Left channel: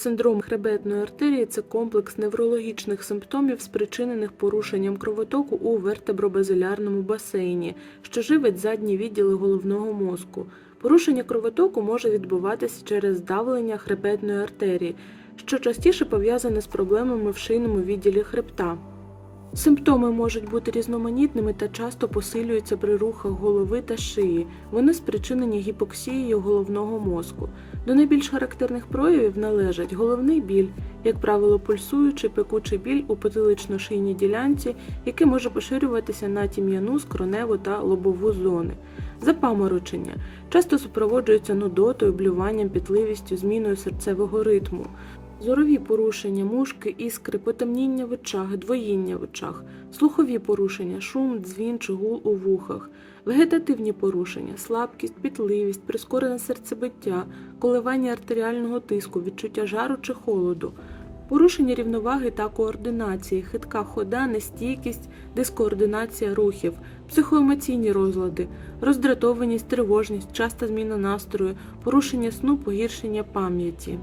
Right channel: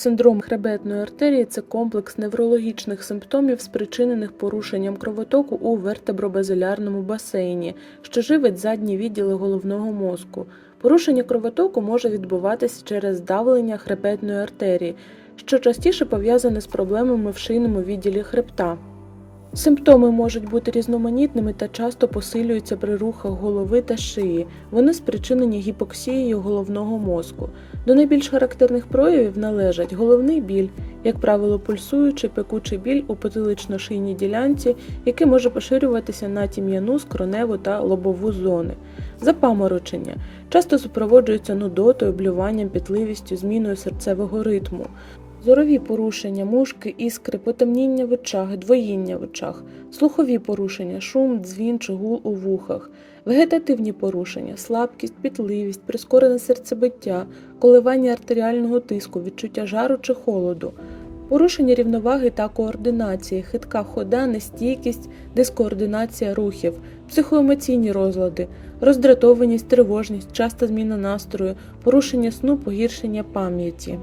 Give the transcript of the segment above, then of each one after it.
Синдром хребетної артерії це комплекс неврологічних симптомів, спричинених порушенням кровотоку у вертебробазилярному басейні, що живить задні відділи головного мозку. Порушення кровотоку може відбуватися через давлення хребетної артерії, що частіше пов'язане з проблемами в шийному відділі хребта. Симптоми можуть бути різноманітними та часто посилюються при рухах голови та шиї. Вони спричинені гіпоксією головного мозку. До найбільш характерних проявів належать головний біль, як правило, пульсуючий пекучий біль у потилично-шийній ділянці, який може поширюватися на тім'яну, скроневу та лобову зони. Запаморочення часто супроводжується нудотою, блюванням, пітливістю, зміною серцевого ритму. Зорові порушення, мушки, іскри, потемніння в очах, двоїння в очах, слухові порушення, шум, дзвін чи гул у вухах, вегетативні порушення, слабкість, пітливість, прискорене серцебиття, коливання артеріального тиску, відчуття жару чи холоду, порушення рівноваги та координації, хитка хода, нестійкість, дискоординація рухів, психоемоційні розлади, роздратованість, тривожність, часта зміна настрою, порушення сну, погіршення пам'яті.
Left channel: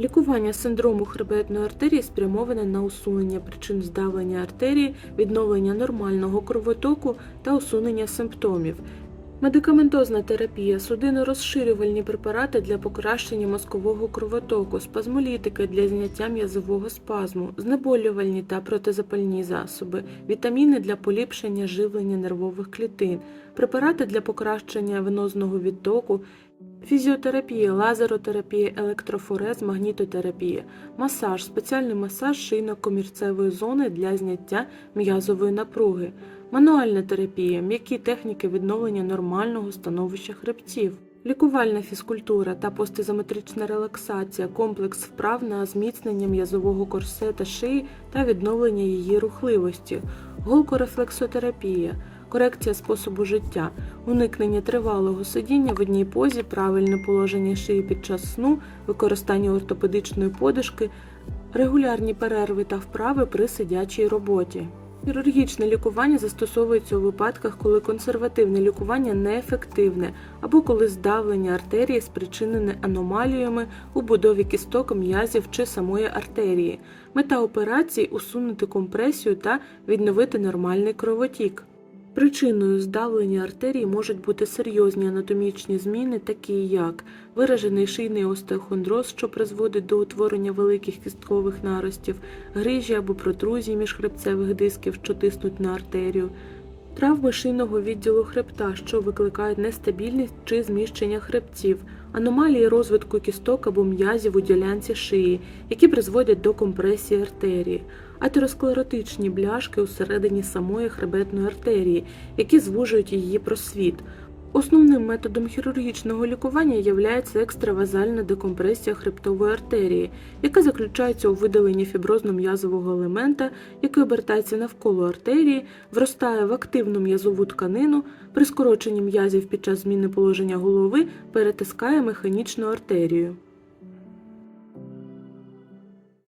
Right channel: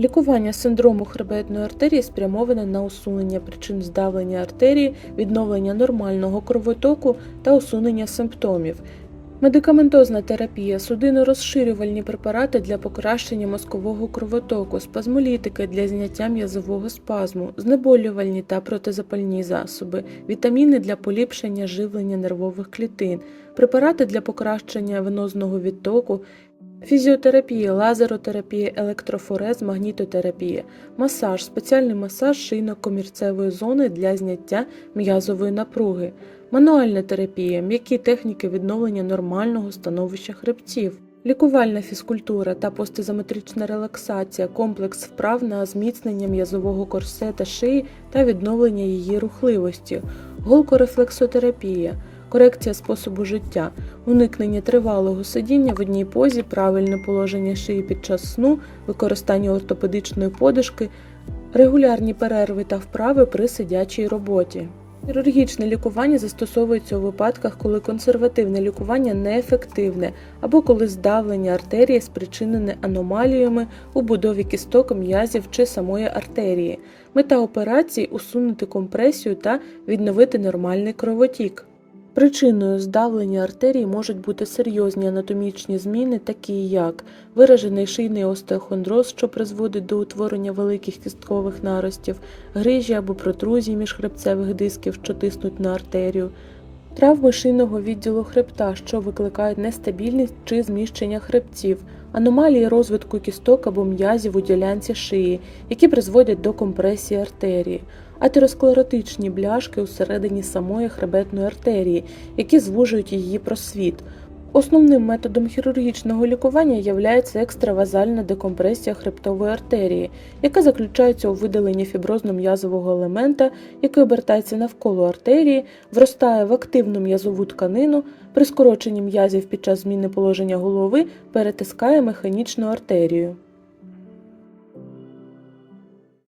Лікування синдрому хребетної артерії спрямоване на усунення причин здавлення артерії, відновлення нормального кровотоку та усунення симптомів. Медикаментозна терапія, судино-розширювальні препарати для покращення мозкового кровотоку, спазмолітики для зняття м'язового спазму, знеболювальні та протизапальні засоби, вітаміни для поліпшення живлення нервових клітин, препарати для покращення венозного відтоку, Фізіотерапія, лазеротерапія, електрофорез, магнітотерапія, масаж, спеціальний масаж шийно-комірцевої зони для зняття м'язової напруги, мануальна терапія, м'які техніки відновлення нормального становища хребців, лікувальна фізкультура та постизометрична релаксація, комплекс вправ на зміцнення м'язового корсета шиї та відновлення її рухливості, голкорефлексотерапія корекція способу життя, уникнення тривалого сидіння в одній позі, правильне положення шиї під час сну, використання ортопедичної подушки, регулярні перерви та вправи при сидячій роботі. Хірургічне лікування застосовується у випадках, коли консервативне лікування неефективне або коли здавлення артерії спричинене аномаліями у будові кісток, м'язів чи самої артерії. Мета операції усунути компресію та відновити нормальний кровотік. Причиною здавлення артерій можуть бути серйозні анатомічні зміни, такі як виражений шийний остеохондроз, що призводить до утворення великих кісткових наростів, грижі або протрузії міжхребцевих дисків, що тиснуть на артерію, травми шийного відділу хребта, що викликають нестабільність чи зміщення хребців, аномалії розвитку кісток або м'язів у ділянці шиї, які призводять до компресії артерії атеросклеротичні бляшки усередині самої хребетної артерії, які звужують її просвіт. Основним методом хірургічного лікування є екстравазальна декомпресія хребтової артерії, яка заключається у видаленні фіброзно-м'язового елемента, який обертається навколо артерії, вростає в активну м'язову тканину, при скороченні м'язів під час зміни положення голови перетискає механічну артерію.